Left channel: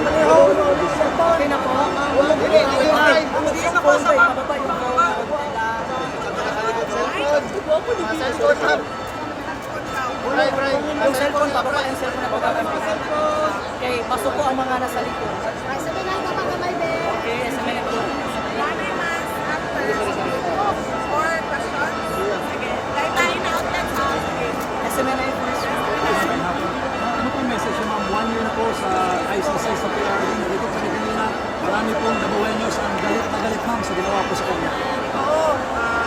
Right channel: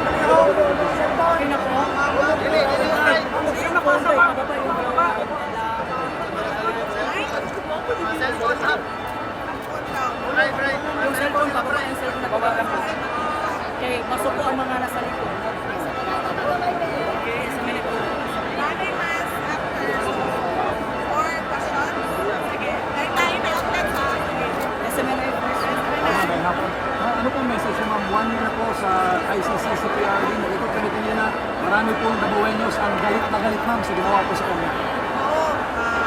Okay na po. Hindi na po sa bababa yung yung cellphone, bababa yung cellphone na bababa. Okay, pasok po ang mga nasa likod. Okay, SMN po. Nanay mas after 4 questions. Sige, lain-lain na outlets ha. Sige. SMN po. Ano pong message yung mga 1 year na po sa ICC, sa PRD, nagikot-kalitin nyo na marami pong Dabuenos ang galit na galit ma'am sa ginawa po sa kanya. Oo,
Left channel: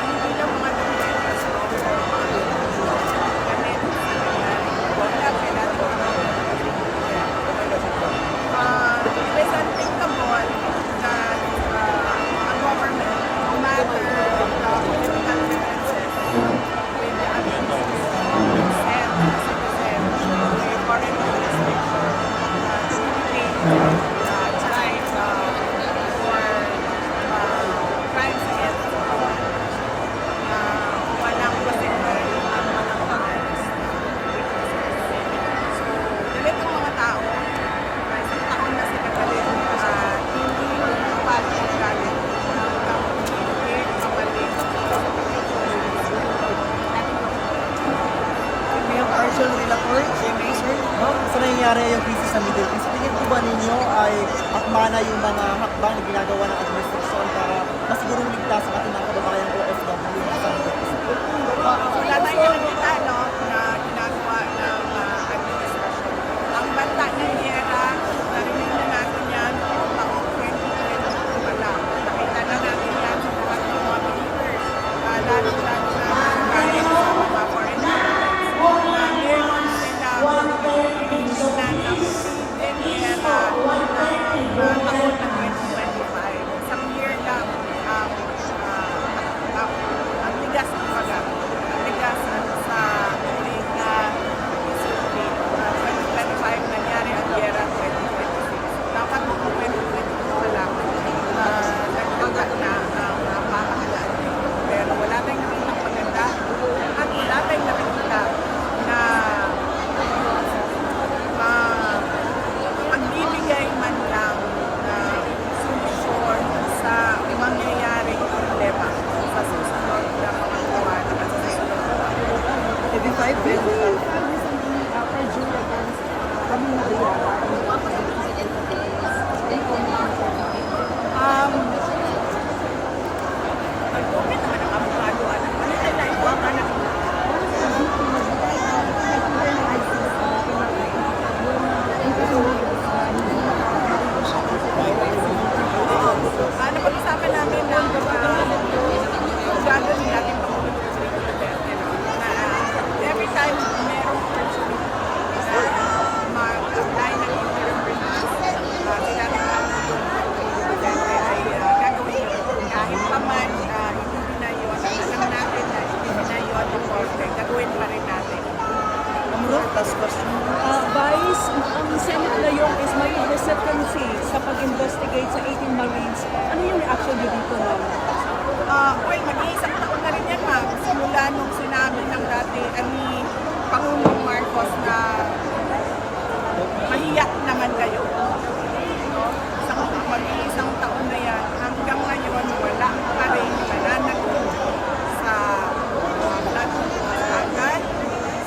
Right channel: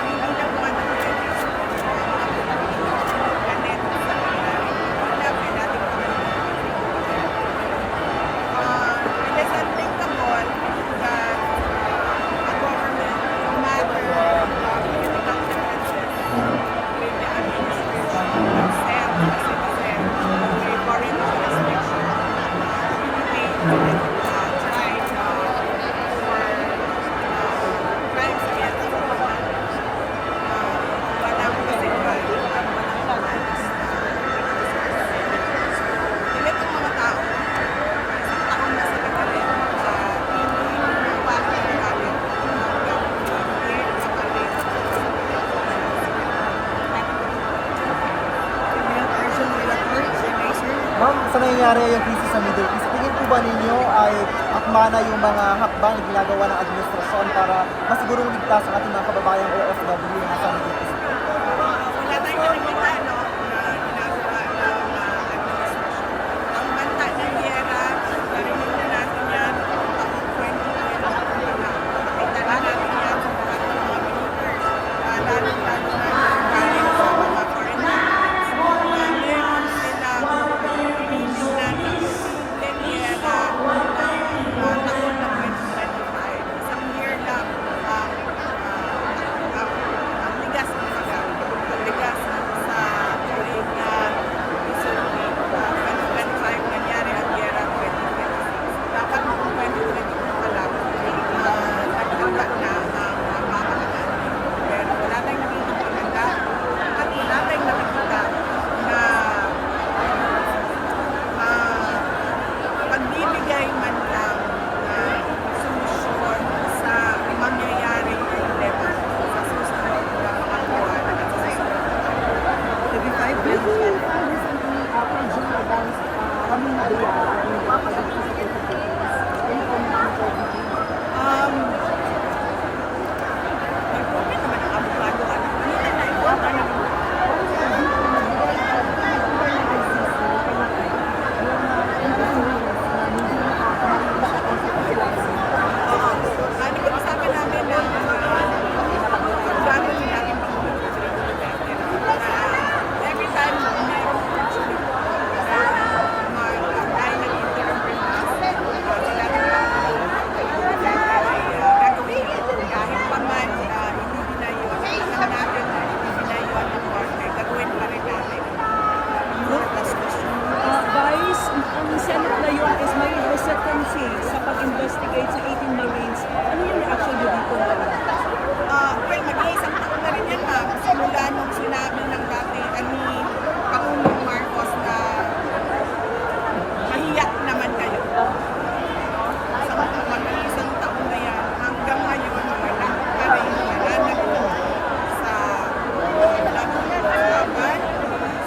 hindi lang mga Dabuenos, no? Mga Pilipino, ganit sa nangyari. Hindi lang, may dating it is unthinkable that a government, no matter political differences with the administration, would send a citizen to a foreign jurisdiction to be detained and tried for crimes against humanity. Walang pasimulan at walang pangalas na witnesses. So, galit ang mga tao. Isang taon na sila galit. Hindi lumipad ang galit hanggang hindi kabalik. Mayor Arjun Villator, CMA, sir. Ma'am, sa nangyayari yung crisis sa Middle East, tingin po ba ninyo ay akma na yung mga hakbang na ginagawa ng administrasyon para masigurong ligtas ang ating mga kababayang OFW na nasa Middle East? Wala tayong nakikita, no, na ginagawa ng administrasyon. Ang banta ng Yera, narinig na natin yan noong taong 2022 pa lang. Nakita na natin yan sa lahat ng mga believers, lalo-lalo na yung galing sa mga foreign governments, na meron silang pinignan ng posibleng Yera ng taon ng 2025. Isang year lang ang ligas ng pagkat. Ang ligas sa tuwing history 2025 nangyari ang Yera 2026. Dapat noong 2022 pa lang nagkagat na ang pamahalaan nito. Pero wala tayong nakitang maganda at wala tayong nakikita na pagbibigay man lang na solusyon sa mangyayaring problema sa susunod na mga buwan at sa susunod na taon. 35, Bell. Nag-comment naman ang abogado at kanina na iwata na nila. Oo. Napag-usapan namin ng abogado ni dating Pangulong Rodrigo Duterte, no, na every time merong opportunity na mag-apply ng interim release, si dating Pangulong Rodrigo Duterte ay gagawin yun. Kahit pa man hindi binayuan, alam natin na hindi binayuan ng korte, gagawin pa rin natin. Last question. Vice, ang Senate ngayon is may hesitancy sa pag-investigate sa 18 Marines. Ano yung reaction niyo dito, ma'am? Well, mag-iisang taon na rin yan, ma'am. Simula nung sinabi ng dati ni Pangulong Marcos na mahiyak naman kayo. No? Mag-iisang taon na yan. Hanggang ngayon, wala pa rin nananagot sa blood scandal,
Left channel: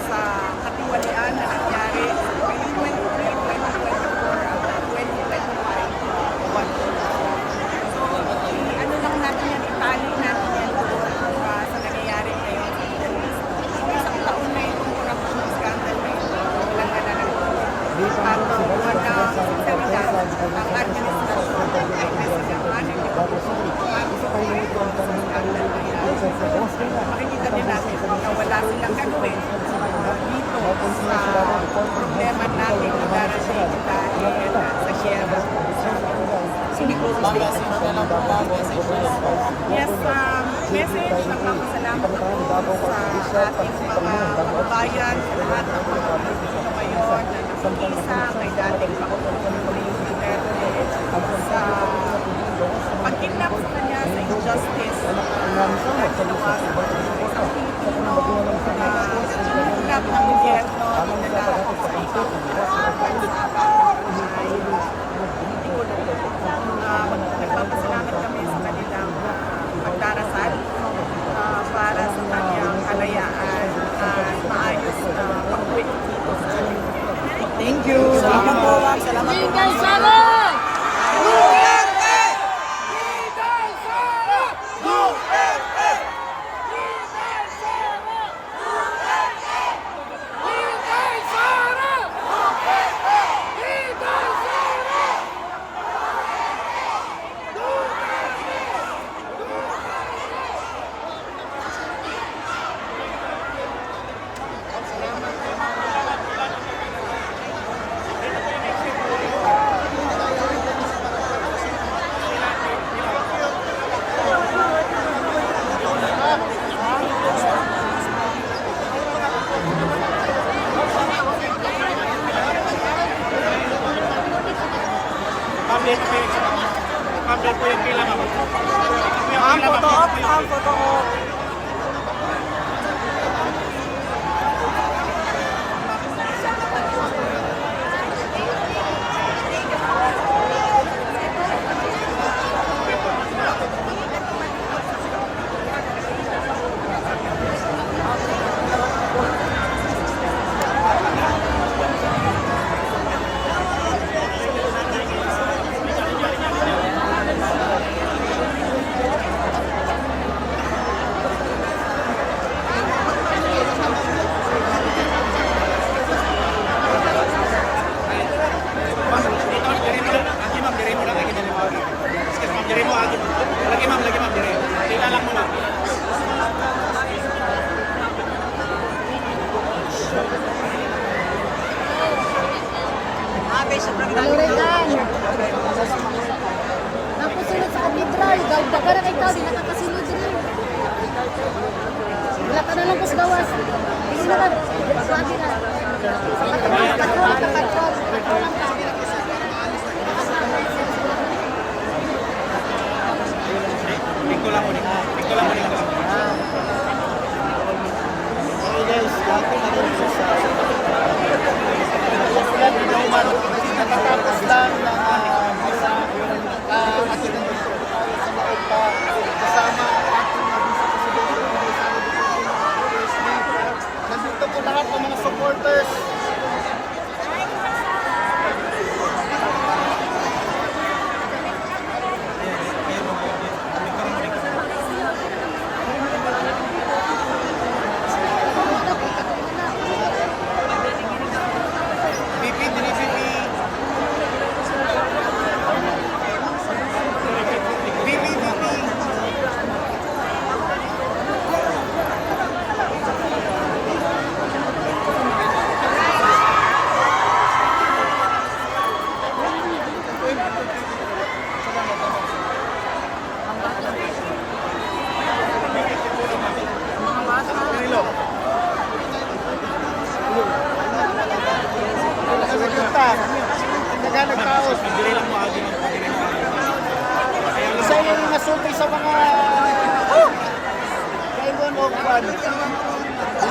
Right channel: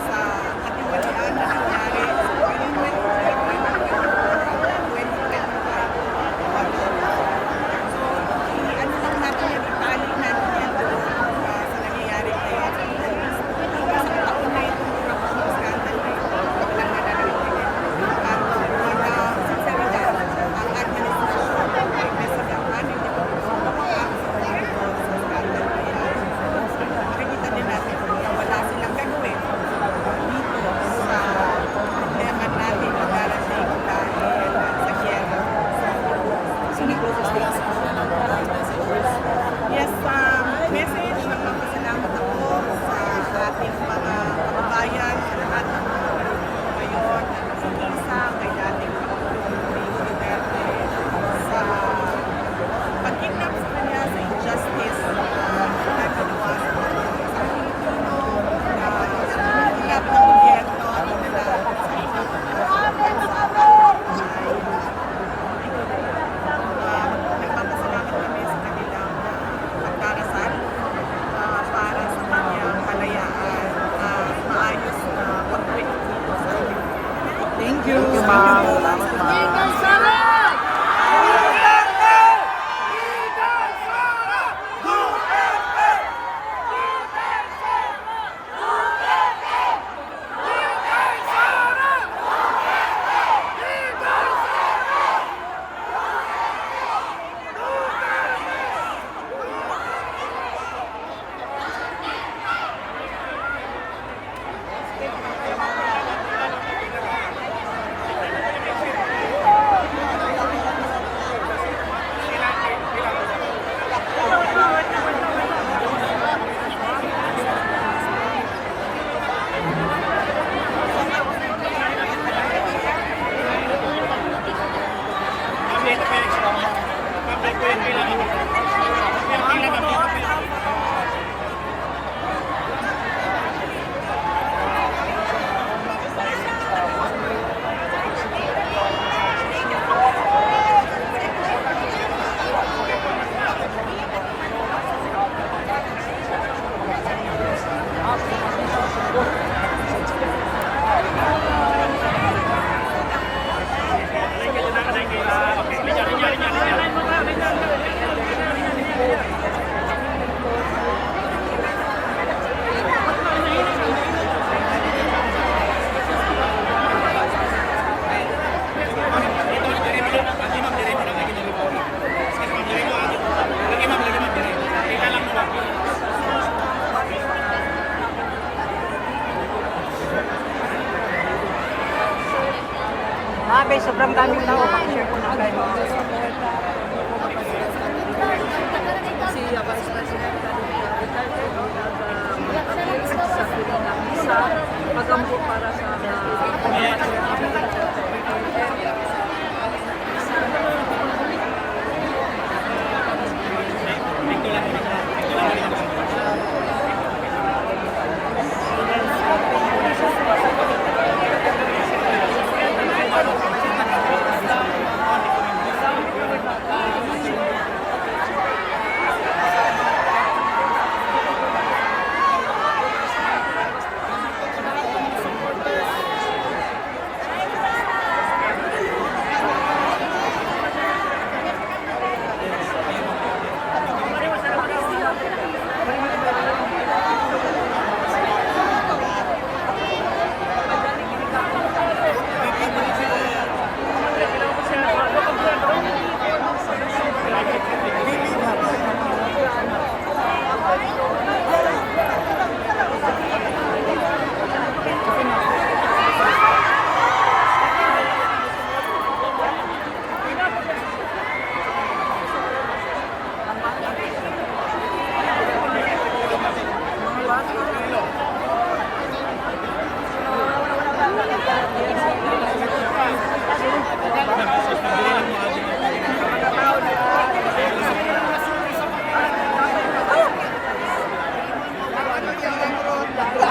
sa katiwalian na nangyari sa 2023, 2024, at 2025 election. So, ano lang natin yan, itali natin yan doon sa nangyayari ngayon sa Middle East. Kung isang taon na itong corruption scandal na ito, walang nananagot. At walang sinceridad ang administrasyon kay President Manuel Di Pagkukulong sa scandal na yan. Makikita din natin na wala silang gagawin dito sa problema natin na darating dahil sa Sierra. Yes, message, nagpapasalamat ako sa ating mga kababayan, sa lahat ng mga Pilipino ngayon na nakikisa kay dating Pangulong Rodrigo Duterte sa pag-kidnap sa kanya sa injustice na ginawa sa isang Pilipino na kinidnap ng gobyerno, dinala sa ibang bansa ay Thank you. Thank you po, ma'am. Salamat. Okay, sobrang dami na. Napasunod sa katedral, dahil pagkara na ikaw, hindi napasunod sa iyo. Wala ka na lang mas gawas. Hindi naman.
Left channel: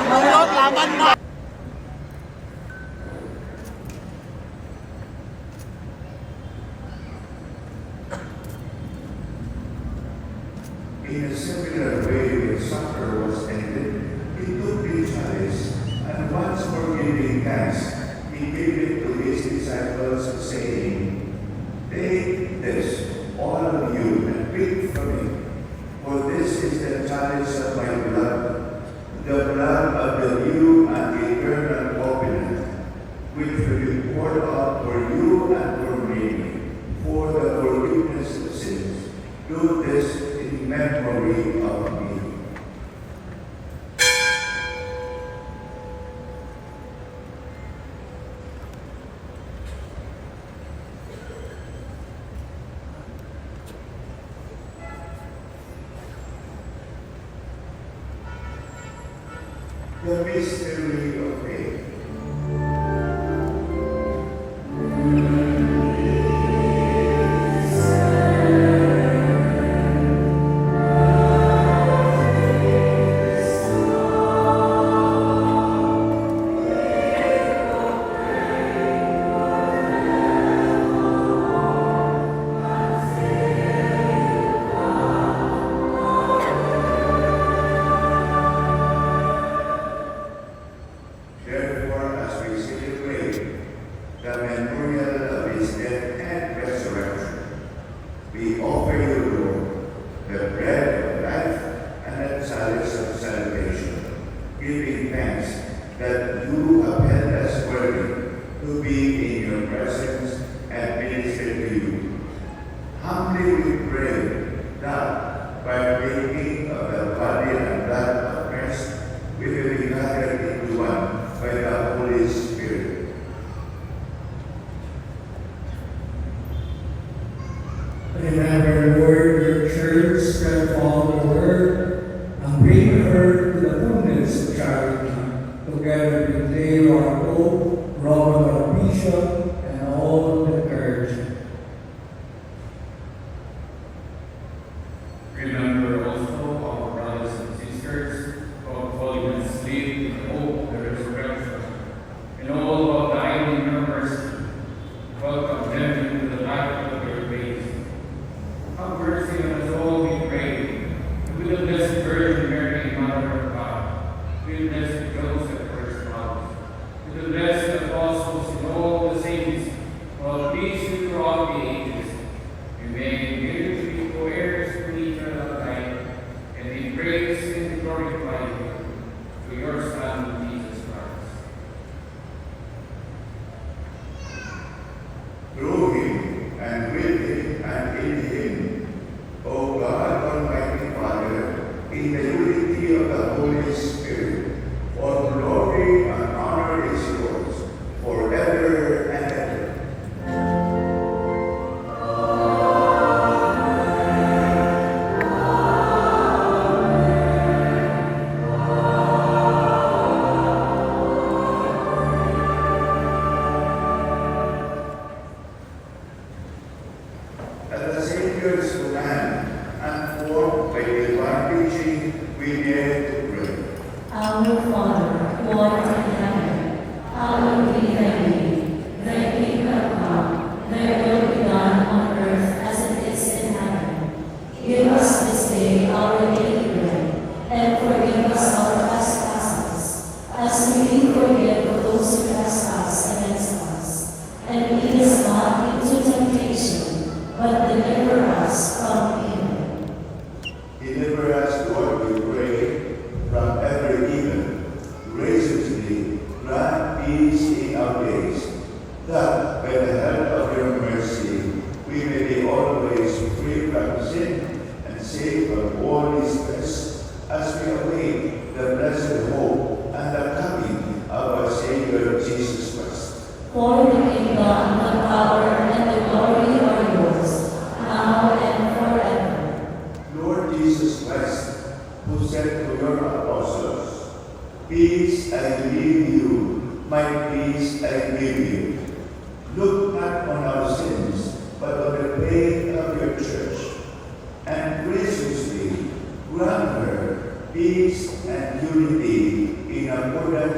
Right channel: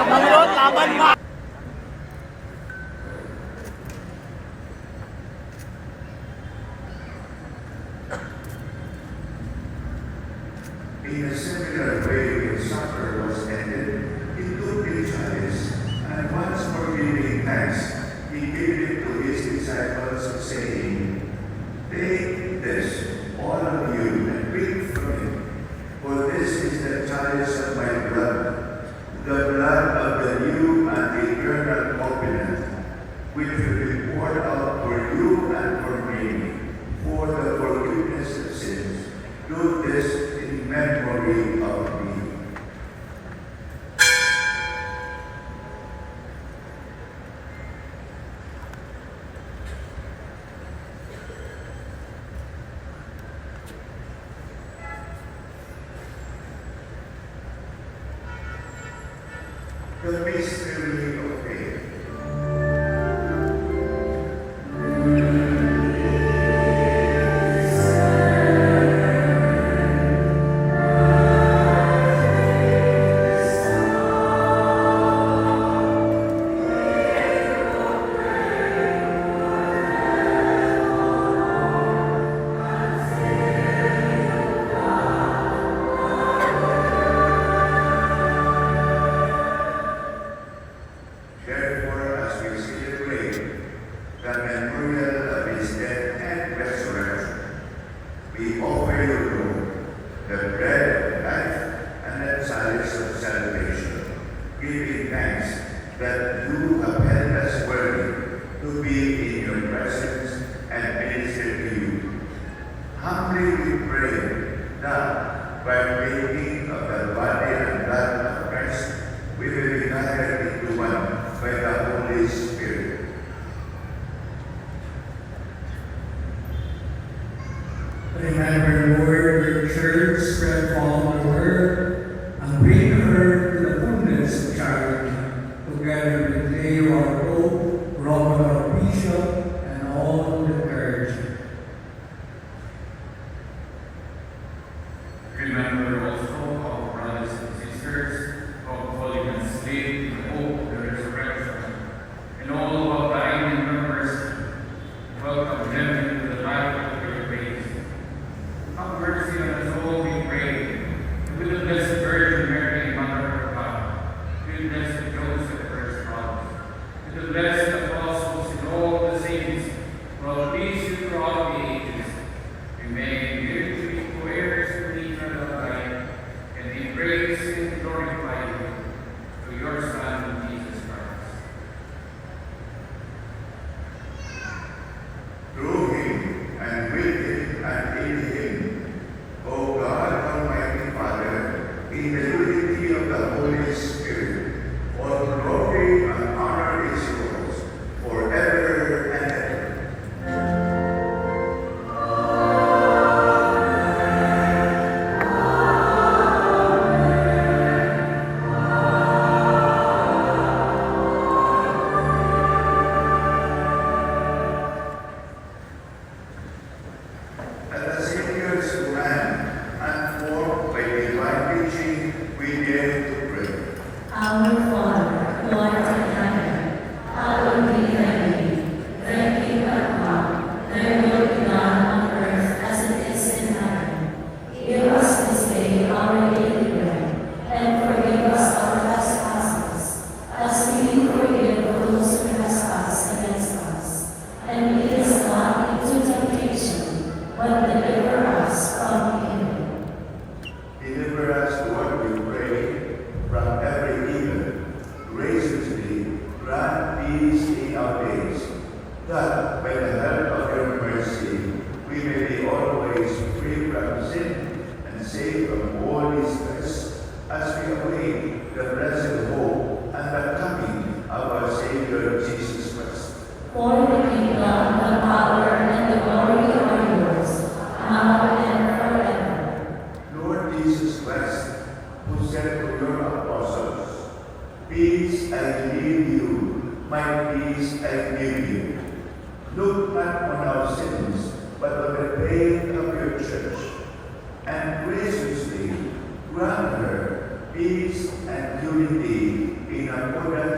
Manglot, laban na! In a similar way, when supper was ended, he took the chalice, and once more giving thanks, he gave it to his disciples, saying, "Take this, all of you, and drink from it, for this is the chalice of my blood, the blood of the new and eternal covenant, which will be poured out for you and for me, for the forgiveness of sins. Do this in memory of me." The mystery of faith. For the kingdom, the power, and the glory are yours, now and forever. Lord Jesus Christ, who said to your apostles, "Peace I leave you, my peace I give you," look not on our sins, but on the faith of your church, and graciously grant her peace and unity in accordance